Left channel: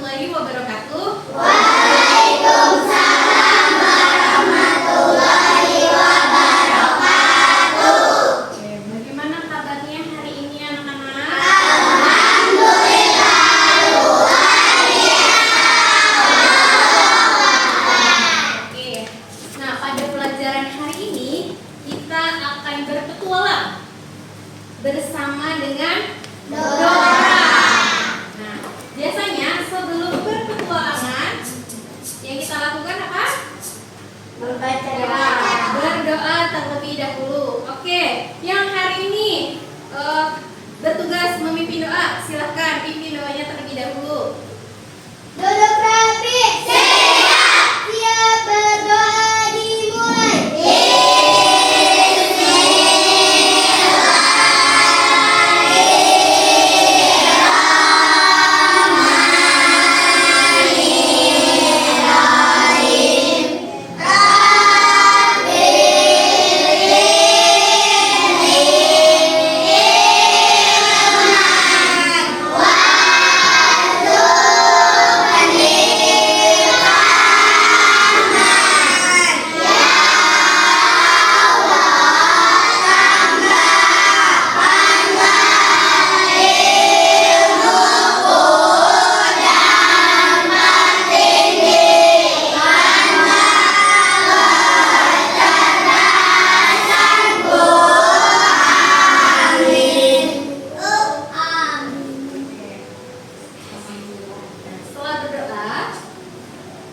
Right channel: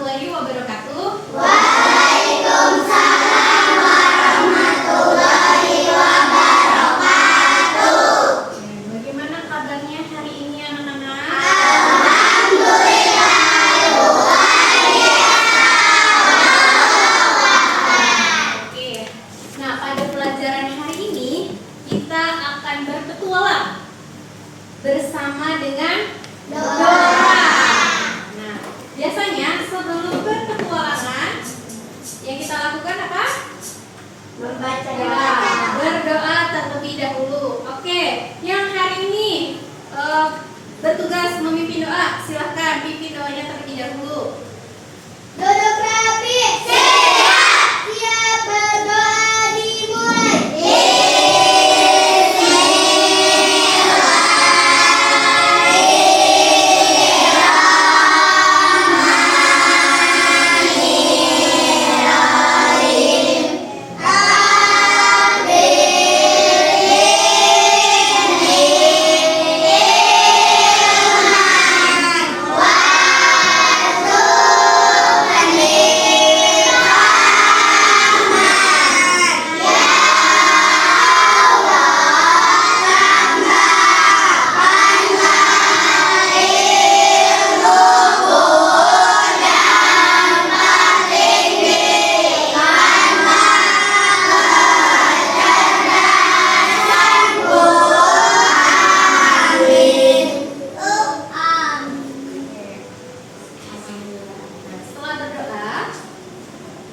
warahmatullahi wabarakatuh. Waalaikumsalam warahmatullahi wabarakatuh. Oke, bagaimana kabarnya hari ini anak-anak? Alhamdulillah luar biasa. Oke. Nah, pada pelajaran hari ini kita akan berpetualang bersama dengan Dora. Nah, biasanya sebelum berpetualangan yang kita lakukan apa? Membaca Berdoa terlebih dahulu. Oke, yang hari ini bertugas memimpin doa, silahkan pimpin doanya terlebih dahulu. Duduk rapi. Siap. Siap berdoa dimulai. Nah, setelah berdoa,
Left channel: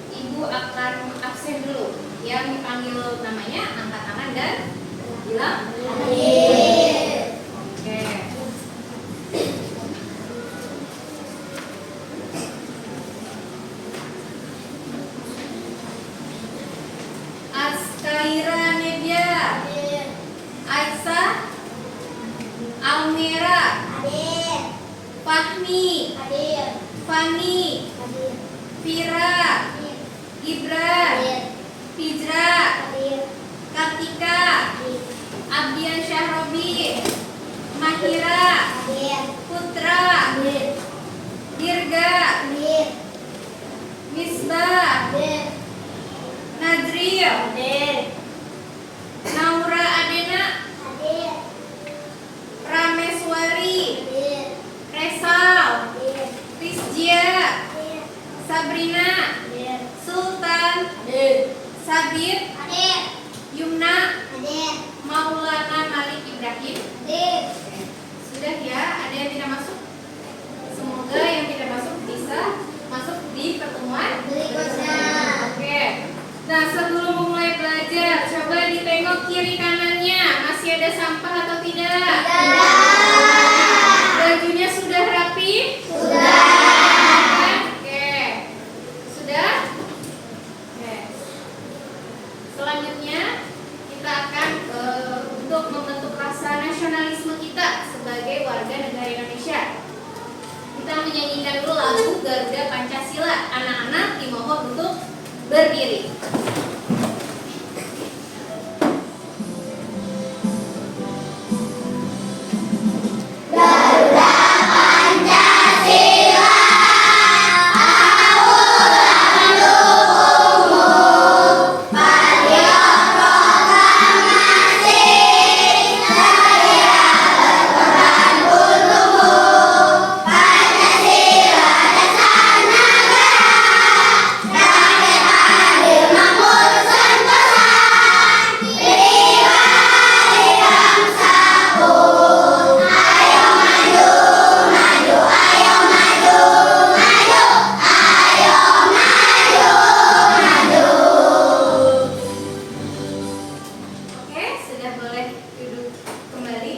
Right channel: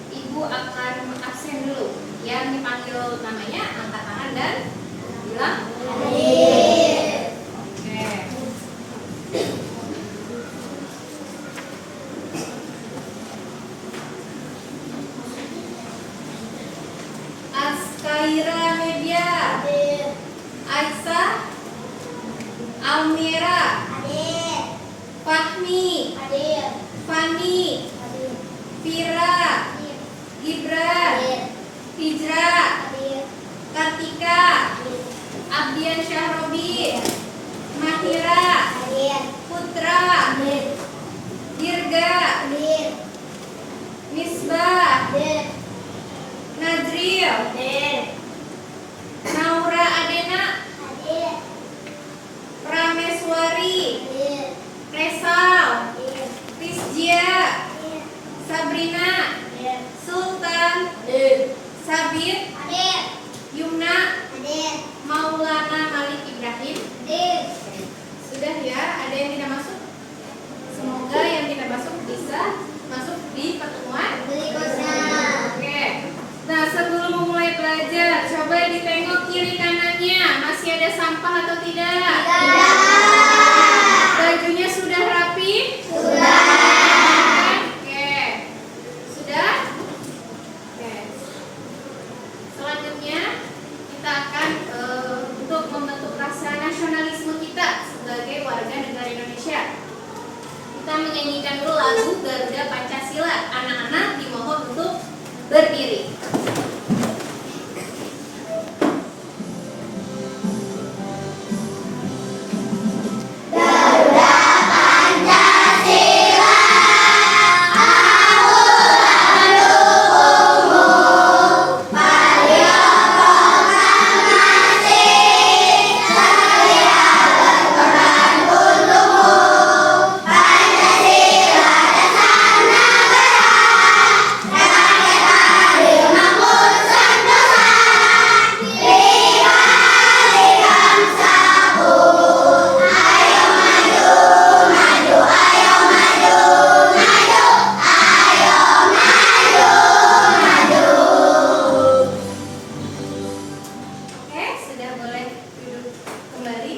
Ibu akan absen dulu. Yang dipanggil namanya angkat tangan dan bilang Hadir. oke. Askaira Media, Hadir. Aisyah, Almira, Hadir. Fahmi, Hadir. Fani, Hadir. Fira, Gibran, Hadir. Fijra, Hadir. Kartika, Hadir. Abdian Syahrobi, Mahira, Hadir. Putra, Hadir. Dirga, Hadir. Misbah, Hadir. Najril, Hadir. Naura Adena, Hadir. Prameswari, Hadir. Resal, Hadir. Rizjia, Hadir. Sabrina, Hadir. Sultan, Hadir. Sabit, Hadir. Yumna, Hadir. Maulana Malik Ibrahim. Hadir. Sudah ya, ada yang tidak masuk? Semoga yang tidak masuk bisa masuk di pertemuan Berikutnya. Oke. Nah, sebelum memulai belajar, coba ditengok kiri kanannya. Masih ada sampah atau tidak? Tidak. Bajunya sudah rapi? Sudah. Oke. Sudah? Oke. Selanjutnya kita akan untuk membentuk rasa nasionalisme kita sebagai warga negara Indonesia. Kita menyanyikan dulu lagu Garuda Pancasila. Anak-anak dimohon untuk berdiri. Garuda Pancasila, aku mendukungmu. Patriot proklamasi, saya berkorban untukmu. Pancasila dasar negara, rakyat adil makmur sentosa. Pribadi bangsaku, ayo maju, maju, ayo maju, maju, ayo maju, maju. Oke, sudah boleh duduk kembali.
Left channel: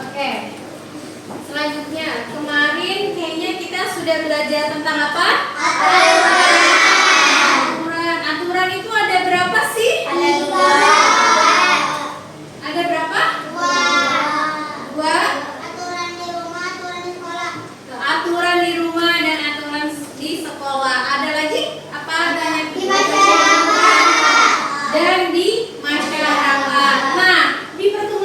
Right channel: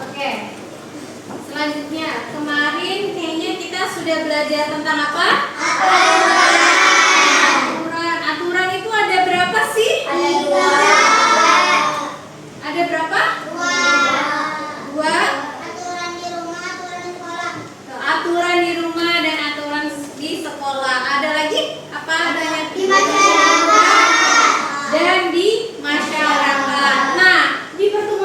Oke. Selanjutnya, kemarin kayaknya kita sudah belajar tentang apa? Aturan. Aturan itu ada berapa sih? Ada dua. Ada berapa? Dua. Aturan di rumah, aturan di sekolah. Aturan di rumah dan aturan di sekolah. Ada lagi? Apa adanya? Di masyarakat. Dan di masyarakat. Nah, di pertemuan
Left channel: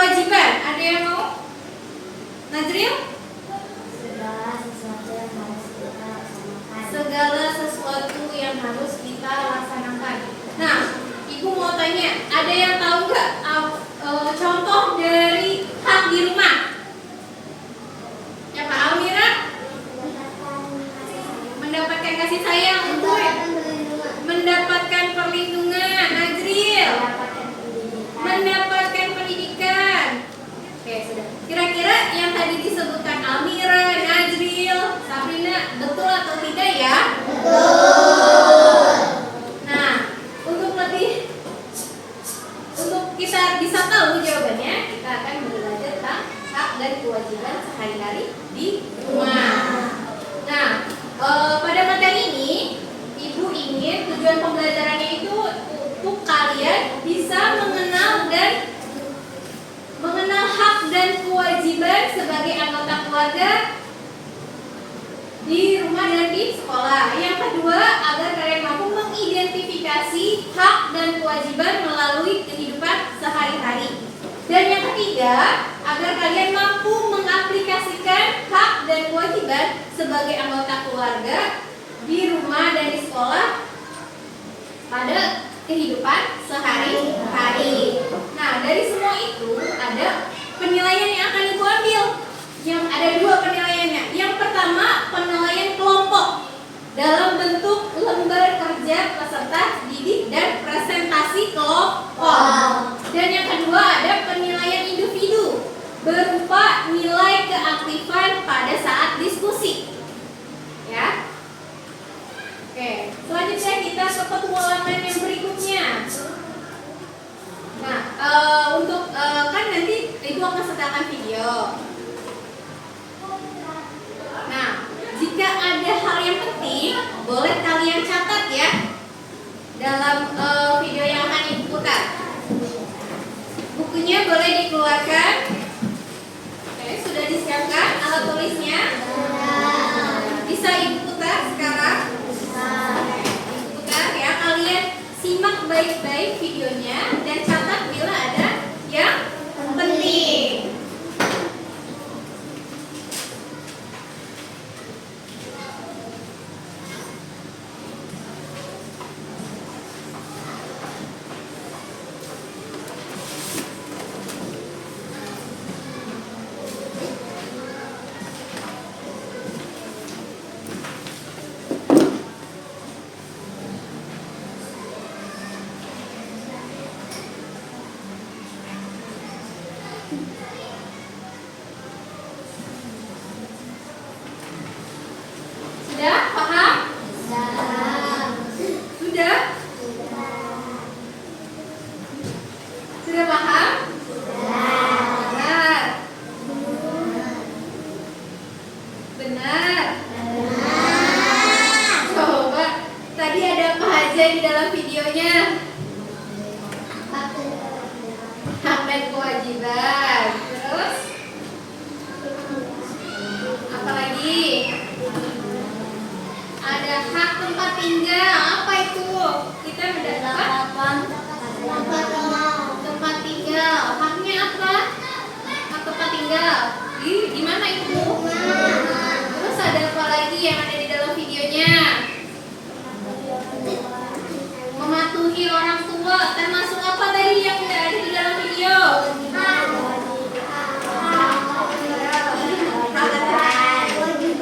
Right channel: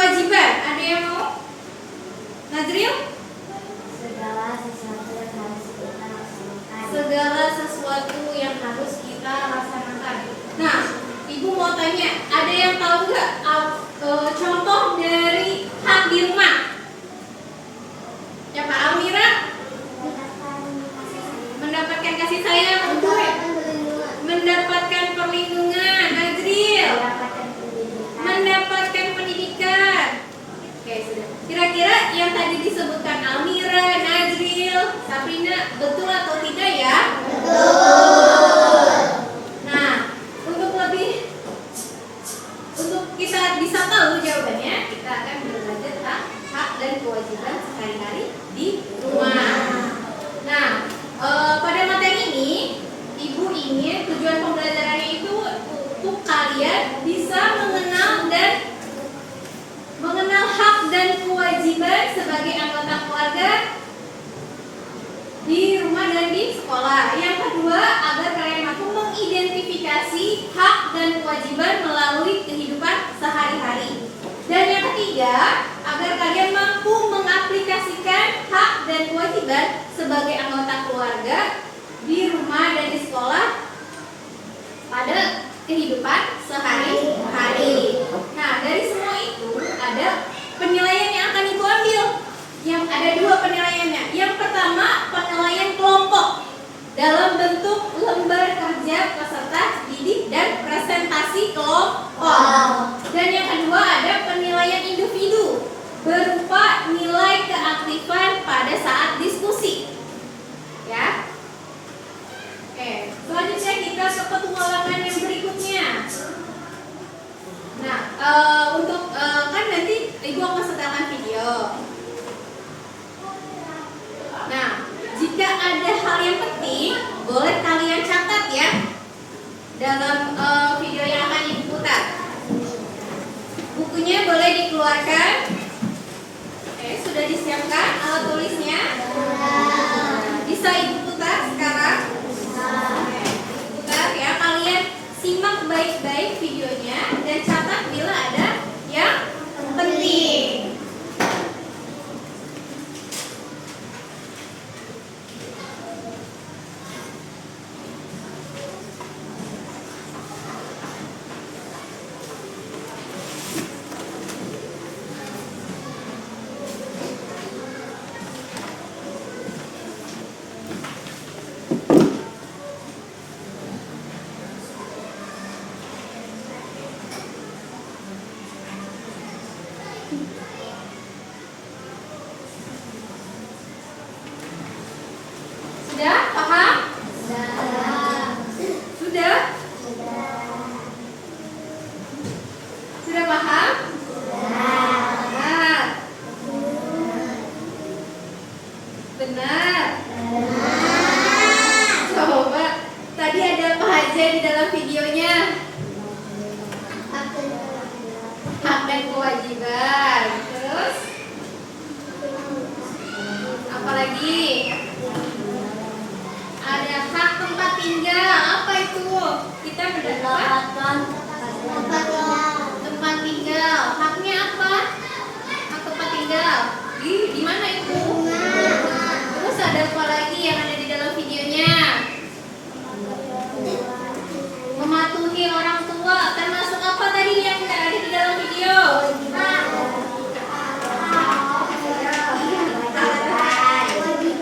kewajiban. Ada yang mau? Nazril? Segala sesuatu yang harus kita laksanakan. Segala sesuatu yang harus kita laksanakan. Nah, Ibu mau tanya, ada yang tahu nggak contoh dari hak di rumah? Siapa? Almira? Mendapatkan kasih sayang. Mendapatkan perlindungan. Nazril? Mendapatkan pendidikan. Oke, sudah. Kira-kira yang tadi disebutkan Almira, Nazril, Sabrina, betul atau tidak ya? Nah, untuk kita bisa tahu jawabannya, kita akan belajar tentang hak dan kewajiban sehari-hari di rumah. Nah, pada materi ini, Ibu ingin tujuan pembelajarannya itu untuk kalian bisa mengenal hak dan kewajiban sebagai anggota keluarga di rumah dan di sekolah. Yang kedua, agar kalian mampu mengidentifikasi hak dan kewajiban melalui kehidupan sehari-hari. Dan yang ketiga, agar kalian mampu mengaplikasikan hak dan kewajiban sebagai anggota keluarga di rumah dan di sekolah pada kehidupan sehari-hari. Nah, dari semua itu ada penilaian yang akan Ibu ambil. Yang ada dua penilaiannya. Yang pertama, penilaian kelompok dalam bentuk lembar kerja peserta didik dan presentasi kelompok. Dan yang kedua ada penilaian individu berupa nilai keaktifan pada saat diskusi. Ya. Oke, selanjutnya kita ke petualangan yang berikutnya. Nah, kan nanti Ibu akan sertakan video. Nah, jika ada hal yang penting, boleh kalian catat ya dalam video yang akan Ibu putar. Bukunya boleh dikeluarkan. Oke, sudah disiapkan alat tulisnya? Bisa Ibu putar sekarang? Oke, putar ya. Kalian simak baik-baik videonya dan catat bila ada yang penting. Sudah paham? Sudah? Sudah paham? Benar. Benar. Coba, tadi ada apa aja di dalam videonya? Hak dan kewajiban. Terus? Apalagi? Ada hak tempat tinggal. Apa itu? Kita mendapatkan tempat tinggal. Haknya apa? Hak tempat tinggal. Di mana itu? Terus ada apa lagi yang ada di dalam videonya? Mematuhi orang tua. Termasuk apa tadi yang udah ada di dalam video?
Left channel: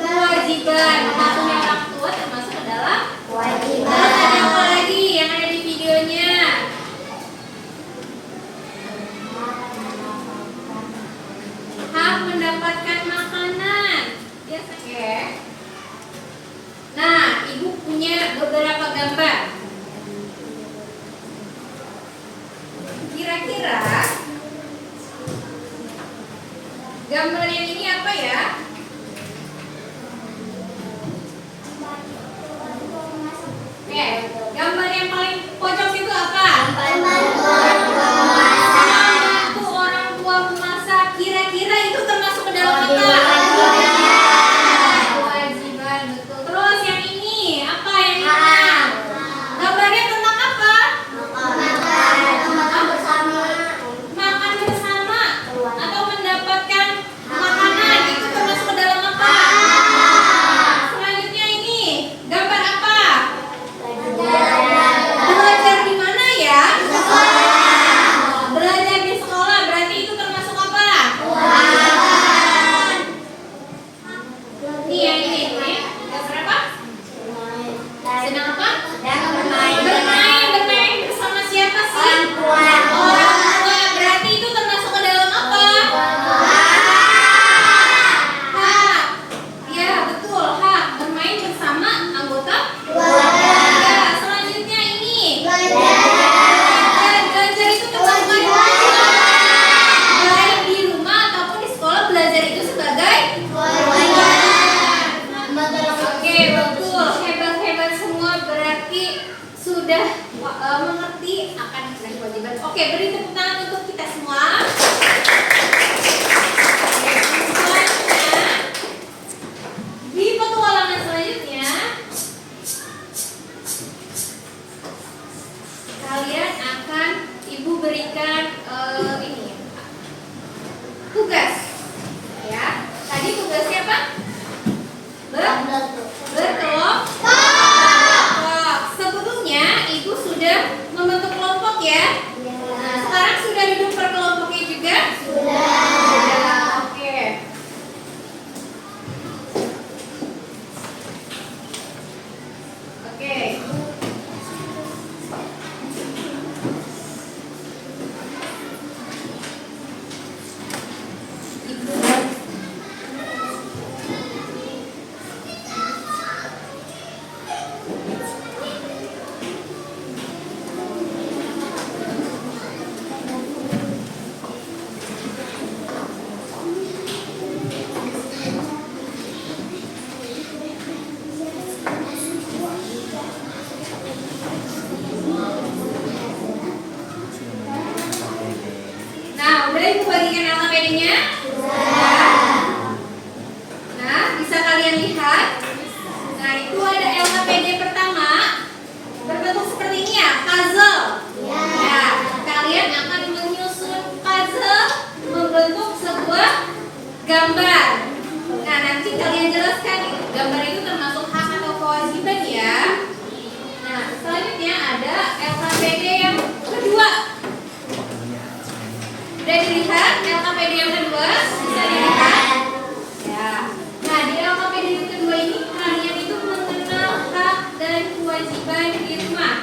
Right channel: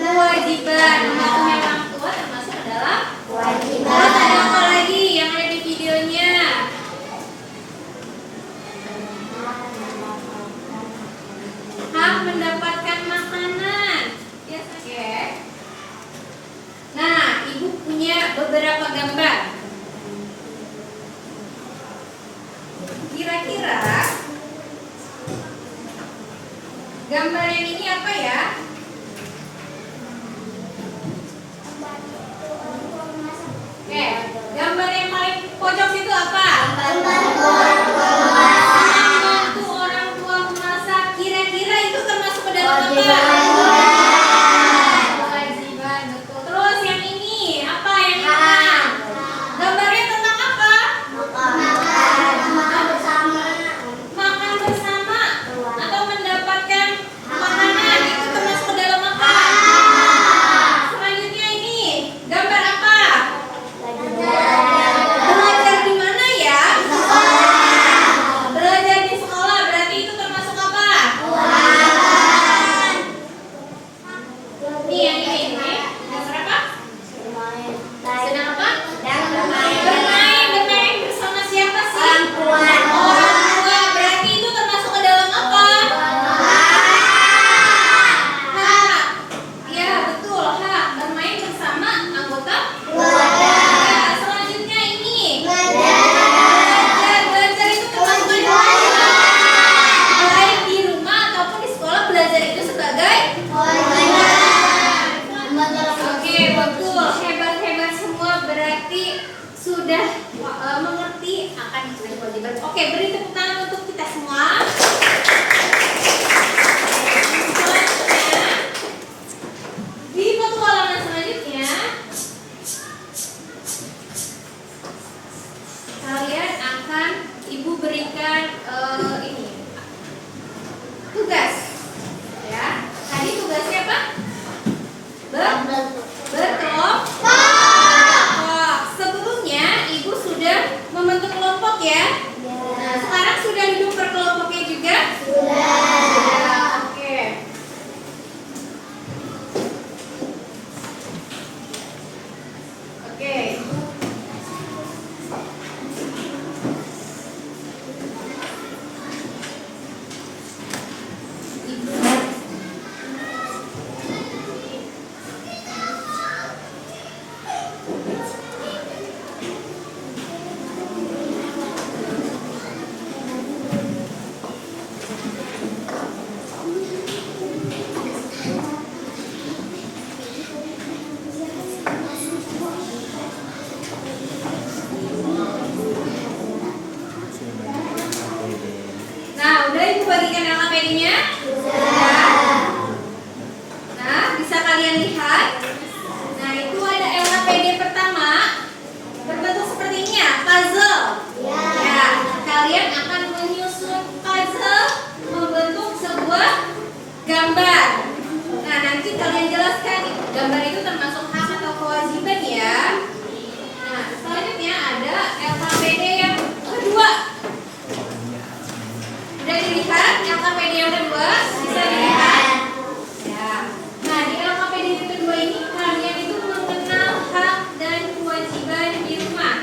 Kewajiban. Mematuhi orang tua termasuk adalah kewajiban. Terus ada apa lagi yang ada di videonya? Hak mendapatkan makanan. Ya, oke. Nah, Ibu punya beberapa gambar. Kira-kira gambar yang ini apa ya? Oke, gambar yang paling pojok itu apa? Membantu orang tua memasak. Kira-kira itu termasuk ke dalam apa? Kewajiban, betul. Terus yang ini apa yang ini? Gambarnya tentang apa? Makan bersama. mengerti akan kewajiban. Oke, beri tepuk tangan untuk kita semua. Selanjutnya, di petualangan selanjutnya, kalian akan ibu berikan ini tugas, ya. Tadi tugasnya apa? Berkelompok. Sebelumnya ibu sudah membentuk kelompok ya. Nah, sekarang sudah duduk per kelompoknya juga? Sudah. Oke. Oke. Nah, udah ibu bagikan LKPD-nya? Sudah. Nah, bisa kalian lihat. Nah, itu ada LKPD pertama berbentuk seperti ini ya, puzzle. Ya, kalian akan menyusun puzzle membentuk sebuah gambar. Nah, nanti kalian jelaskan gambar itu termasuk hak atau kewajiban ya. Nah, selanjutnya ada LKPD yang kedua. Sudah dilihat LKPD yang kedua? Bisa dilihat? Ya. Nah, di LKPD yang kedua ini kalian itu mengenal hak dan kewajiban di rumah.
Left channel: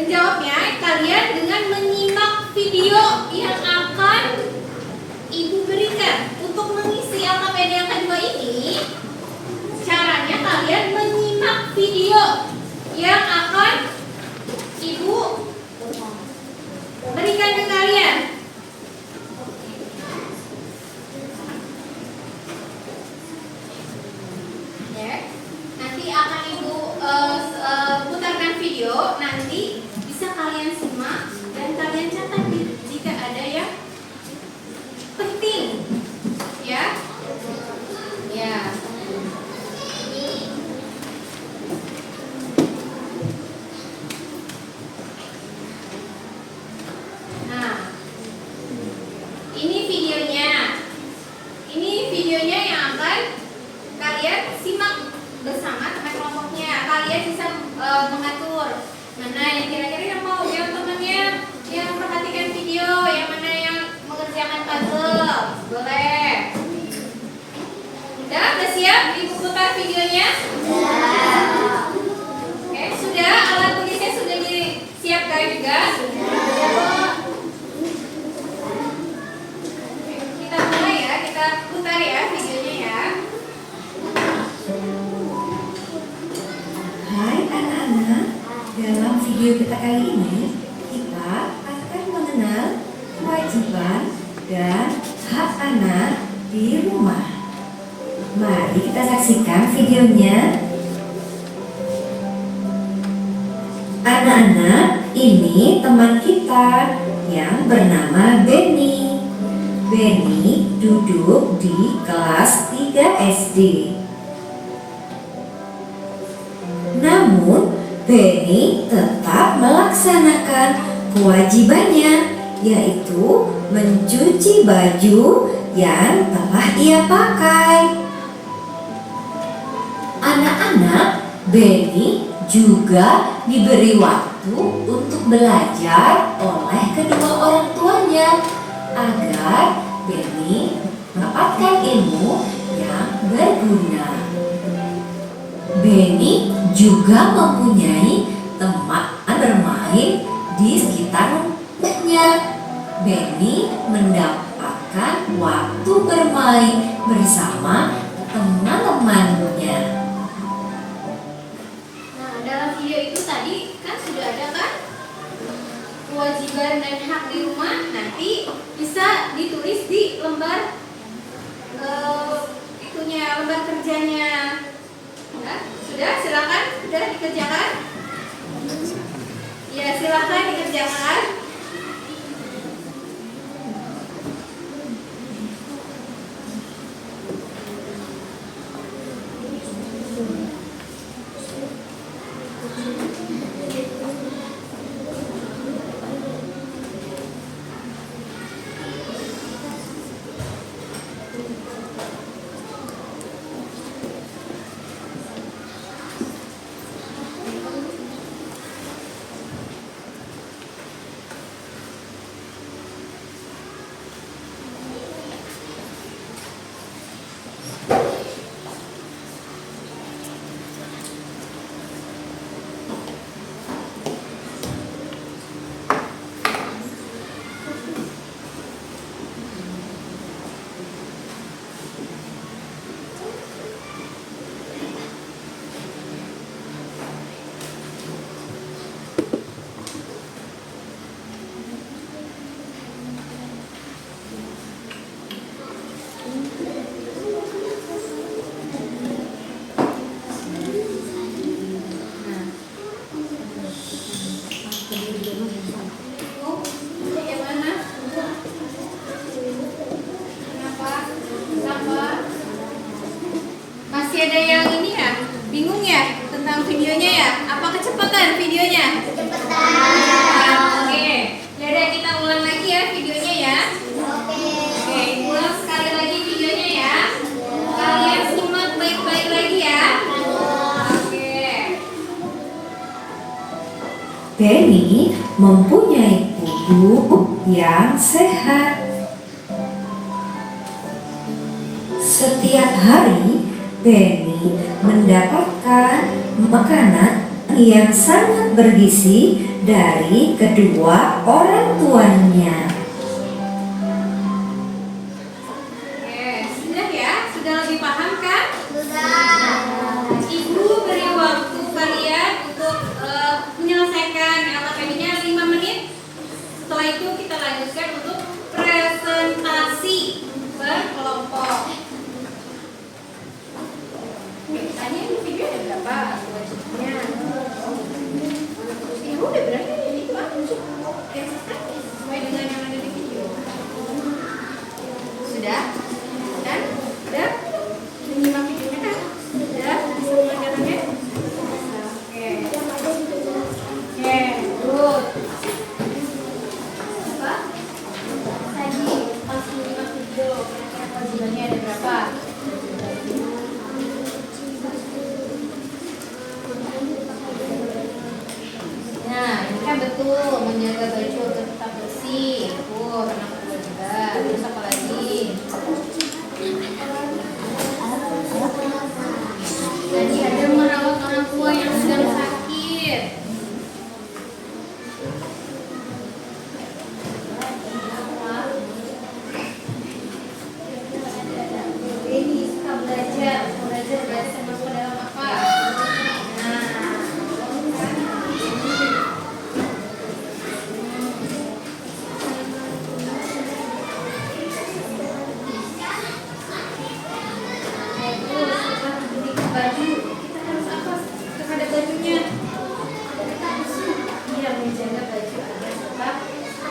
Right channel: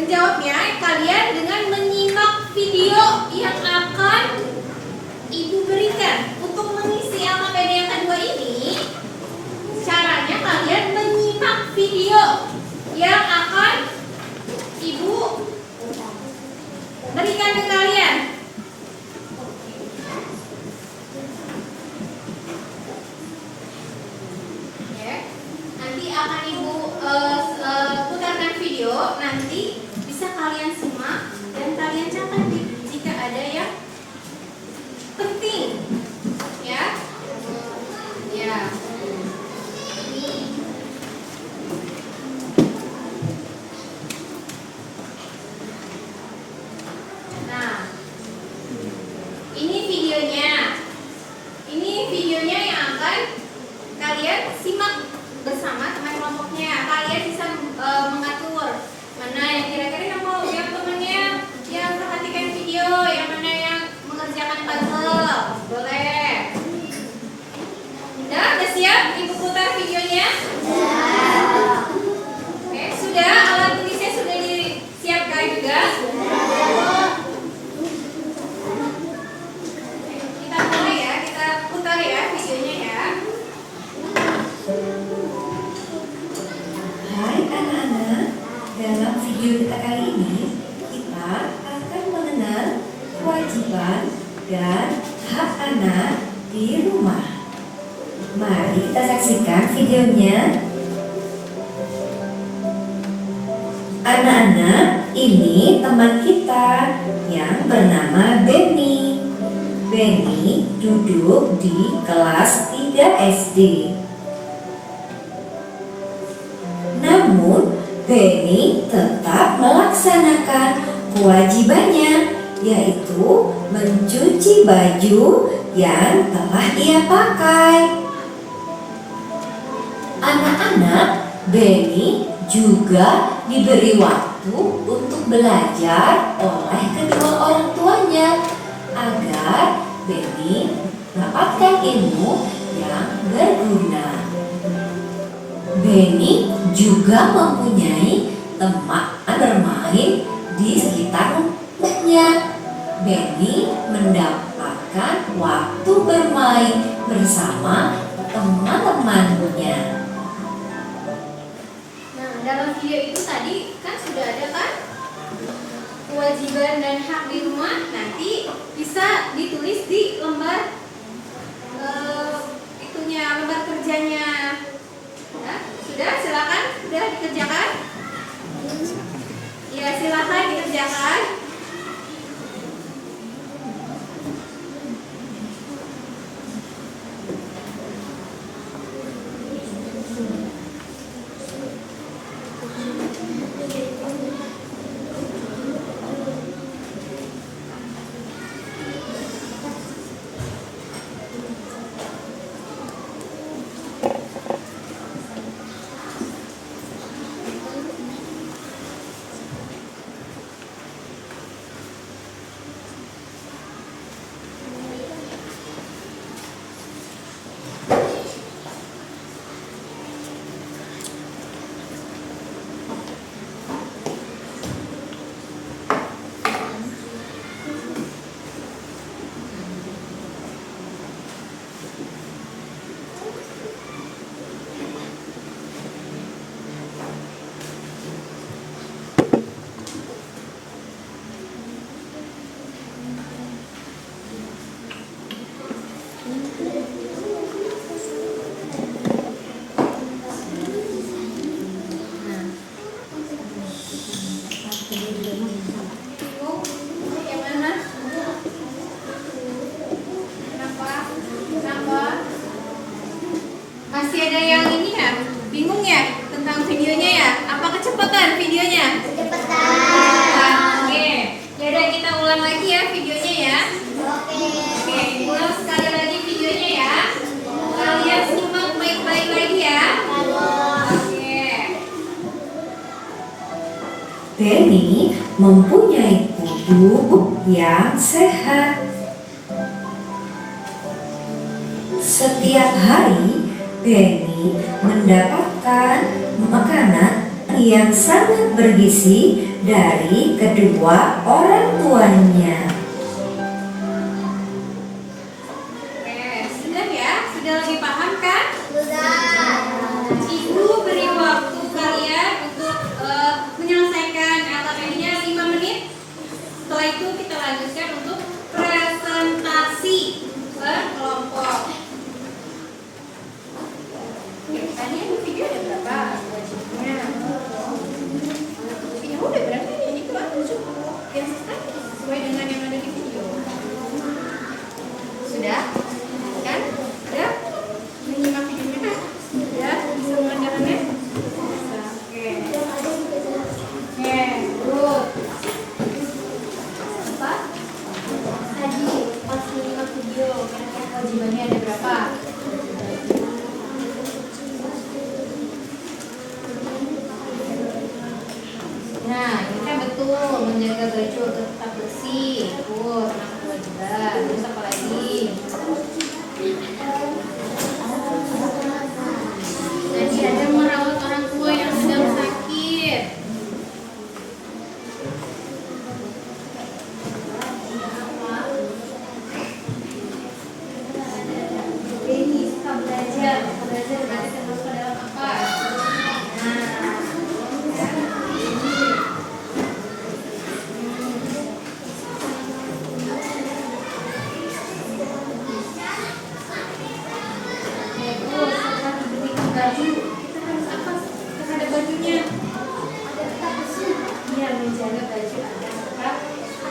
Menjawabnya kalian dengan menyimak video yang akan ibu berikan. Untuk mengisi LKPD yang kedua ini, caranya kalian menyimak video yang akan ibu berikan ke kalian. Ya, nanti akan ibu putarkan video. Nanti bisa kalian simak dan kalian catat jika ada yang penting. Ya, ya. Nah, ini videonya. Ini videonya yang akan kalian simak bersama teman kelompoknya. Kalian bisa mengatur mana yang kira-kira yang mau yang temannya yang perhatikan video, yang mana yang mengerjakan puzzle. Boleh. Udah siap? Ibu putar videonya? Oke, sudah. Alat tulisnya sudah disiapkan juga? Kita mulai ya, kita putar ya videonya ya. Hai anak-anak, dalam video kita kali ini kita akan mengenal kewajiban dan hak anak di rumah. Mari kita saksikan videonya. Anak-anak, ini teman kita yang bernama Benny. Benny duduk di kelas 3 SD. Namun, Benny tetap melaksanakan kewajibannya, yaitu mencuci baju yang telah ia pakai. Anak-anak, Benny juga diberi waktu untuk belajar oleh kedua orang tuanya agar Benny mendapatkan ilmu yang berguna. Benny juga mempunyai teman bermain di sekitar rumahnya. Benny mendapatkan waktu bermain bersama teman-temannya. Nah, dalam video itu tadi kan sudah ada kan kewajiban dan hak di rumah. Nanti bisa ditulis di lembar lembar kerjanya. Nah, sudah, silakan, sudah dikerjakan. silahkan dikerjakan. Yang mana? Kenapa? Kenapa? Masih ada yang ini ya? Bingung ya tentang videonya ya? Apa kecepatan videonya? Cepetan. Oke. Yaudah kita ulang lagi ya videonya ya. Oke, ulang sekali lagi videonya ya. Kalian simak baik-baik lagi ya. Oke. Benny mempunyai tubuh yang sehat. Setiap hari, Benny mendapatkan makanan yang sangat bergizi dari kedua orang tuanya. Oke, sudah ya? Sudah lebih paham kan? Sudah. Ibu beri waktu kalian untuk menyelesaikan LKPI-nya 5 menit. Setelah itu kita lanjutkan untuk presentasi berkelompok. Oke, tanya ini video ada berapa? Durasinya. Ibu udah berani nih, itu kan sesuai dengan yang ada di video. Sudah? Kan? Udah? Menyimak videonya kan? Sudah? Bisa mengerjakannya? Oke. Oke, good. Apa? Tadi pas menyimak video, kira-kira kewajibannya ada berapa? Nah, ini kan betul, menjaga baju agar tetap bersih. Tuh, termasuk kewajiban. Terus apa lagi? Jadi ada merawat orang tua yang sedang sakit. Ini suka belajar biasa masuk ke dalam apa? Baju, kita harus apa terhadap bajunya? Iya, menjaga baju agar tetap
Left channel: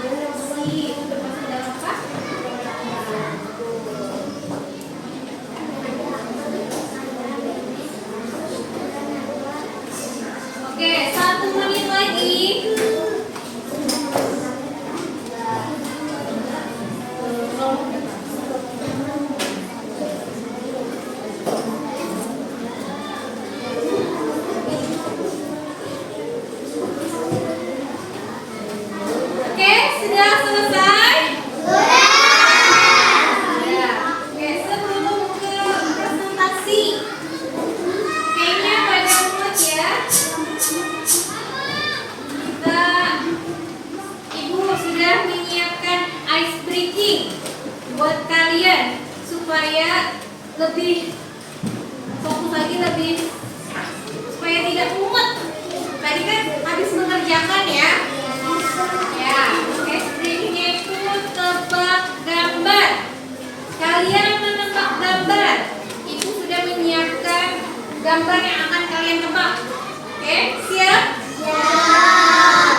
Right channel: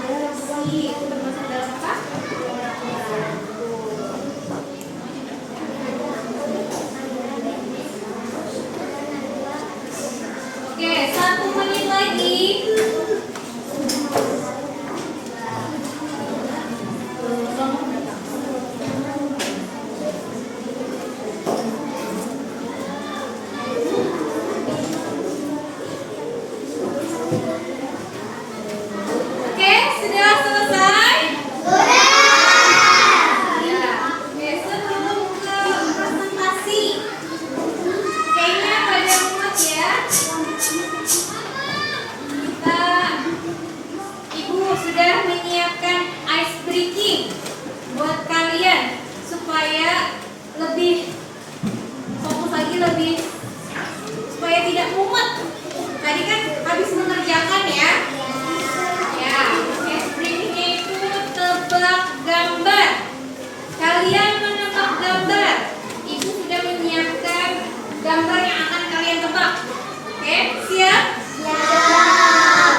bersih. Itu termasuk dalam apa? Oke, 1 menit lagi. Oke, sudah selesai? Ya. Oke, sebelum ke presentasi, kayaknya pada mood ya. Ibu sudah menyiapkan ice breaking buat kalian supaya lebih fokus lagi, supaya tidak mumet. Tadi kan habis mengerjakan ya. Ya, ice breakingnya itu tebak gambar. Kalian menebak gambar. Ibu sudah menyiapkan gambar yang akan kalian tebak. Oke, siap? Siap.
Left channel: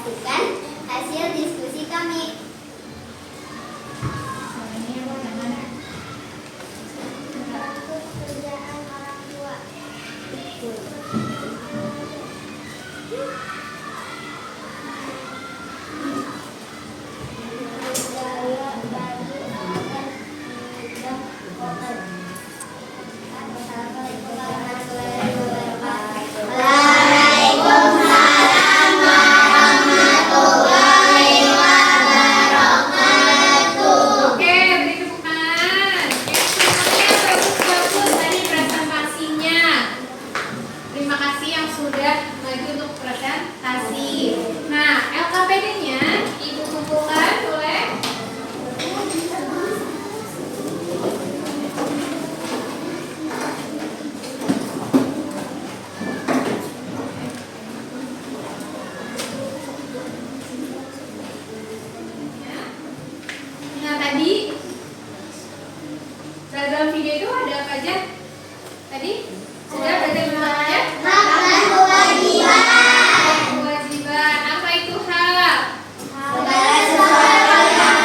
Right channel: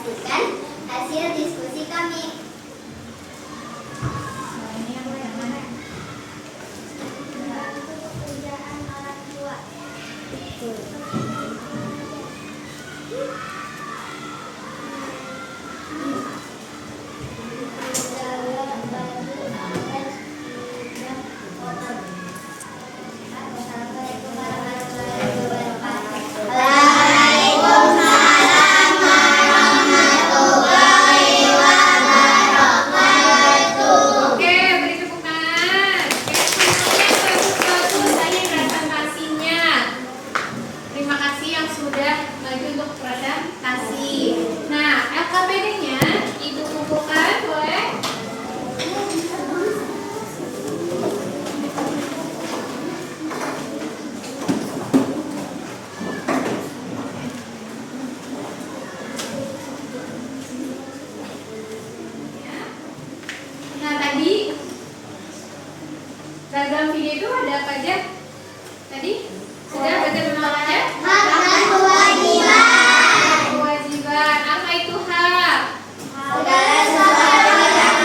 menyaksikan hasil diskusi kami. Ini yang mana? Membantu pekerjaan orang tua. Oke, beri tepukan. Semuanya bagus-bagus tadi presentasinya. Terima kasih yang sudah maju untuk presentasi. Nah, LKPD-nya Ibu kumpulkan boleh? Nah, tadi program video itu ada apa aja? Tadi sudah belajar semuanya? Melakukan kewajiban. Kewajiban. Apa itu hak? Segala sesuatu yang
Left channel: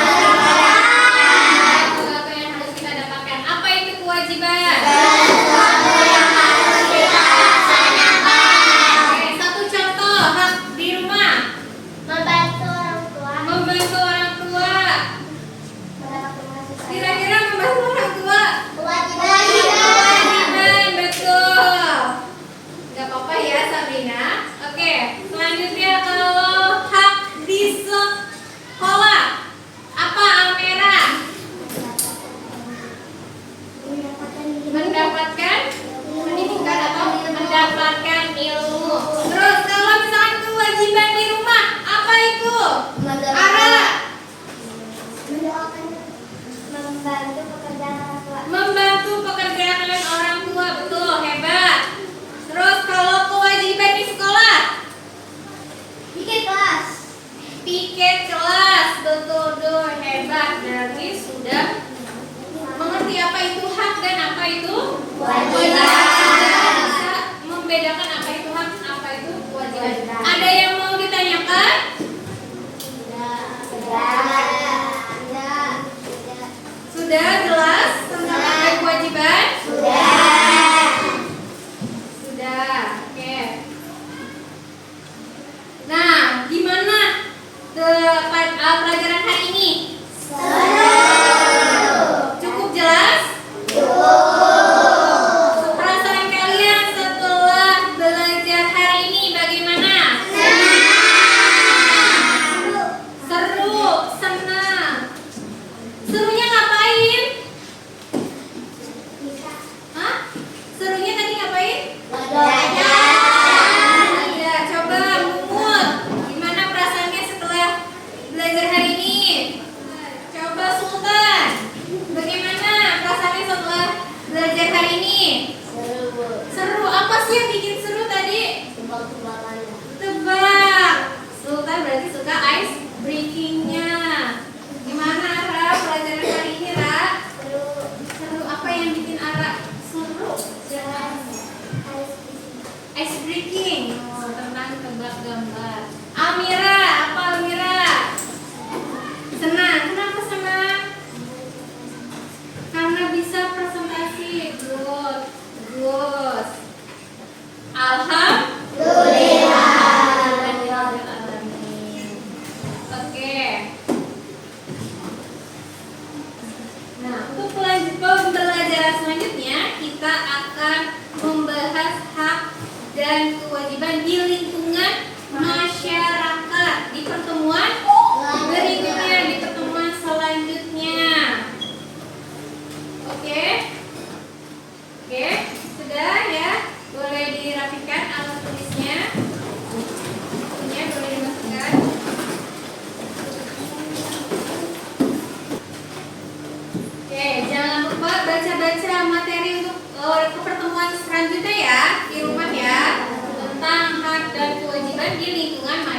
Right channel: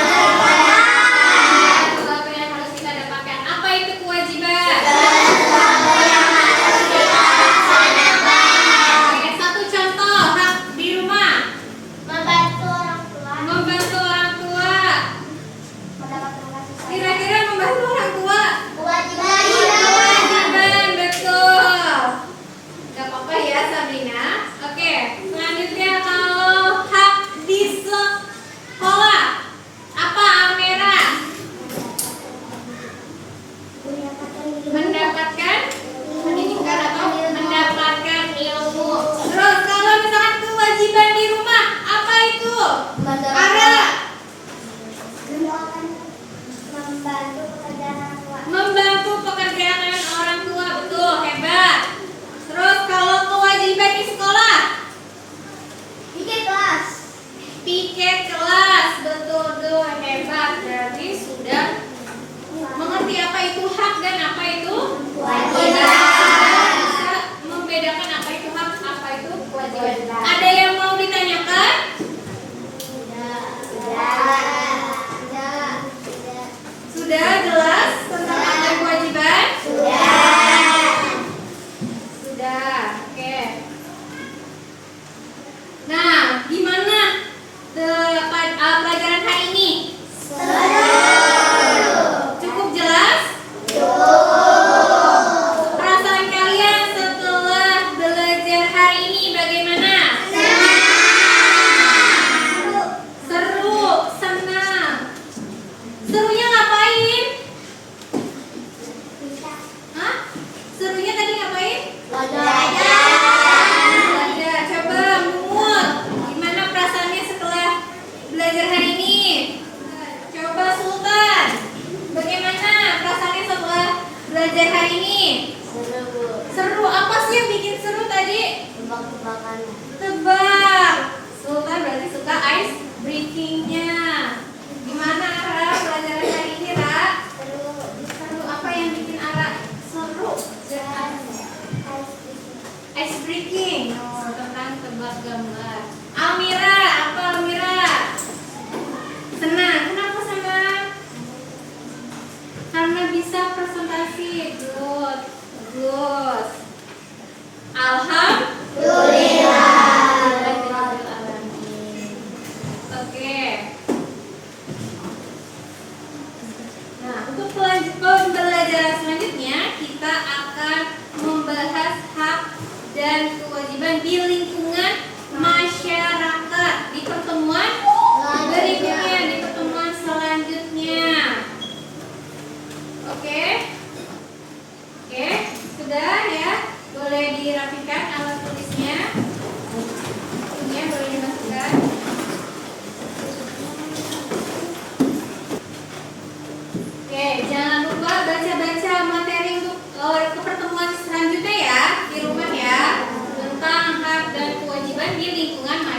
Sesuatu yang harus kita dapatkan. Apa itu kewajiban? Oke, satu contoh hak di rumah. membantu orang tua. Membantu orang tua. Mendapatkan kasih sayang. Kira-kira membantu orang tua Kewajiban. kewajiban, betul. Gak apa-apa ya Sabrina. Oke, selanjutnya kalau hak di sekolah apa Almera? Mendapatkan pendidikan atau mendapatkan ilmu. Terus kalau misalkan kewajiban di rumah apa itu? Ara, Membantu pekerjaan orang tua. membantu pekerjaan orang tua, betul, hebat. Terus kalau kewajiban di sekolah, Bikin kelas. piket kelas, betul, betul, hebat. Dari sudah mengerti apa itu hak dan apa itu Kewajiban. Bisa membedakan apa itu hak, apa itu kewajiban. Ada yang mau ditanyakan? Sudah jelas tentang apa kewajiban? Sudah, oke. Nah, gimana pelajaran hari ini? Cukup jelas? Perasaan kalian setelah belajar hari ini bagaimana? Seru, senang. Serunya ngapain? Hah? Serunya tadi ngapain? Belajar. Coba Mumut, gimana perasaannya setelah belajar hari ini? Coba Sultan, bagaimana perasaannya setelah belajar hari ini? Seru. Apa sih yang bikin seru tadi? Tebak. Sultan berarti suka ice breakingnya. Gimana Ara pelajaran hari ini, Ra? Seru. Apa yang bikin Ara seru? Ice breaking. Oh, tentang tebak gambar. Almira, apa Almira? Senang. Kenapa senang? Karena bisa presentasi. Good. Bagus. Oke. Nah, untuk pembelajaran selanjutnya kita akan membahas hak dan kewajiban di lingkungan masyarakat di pertemuan berikutnya, di pertemuan selanjutnya. Oke? Oke, sudah ya? Boleh dirapikan alat tulisnya. Bukunya boleh dimasukkan. Oke, jangan lupa baca-baca materi untuk ke pertemuan selanjutnya ya di rumah ya, tentang hak dan kewajiban di lingkungan masyarakat.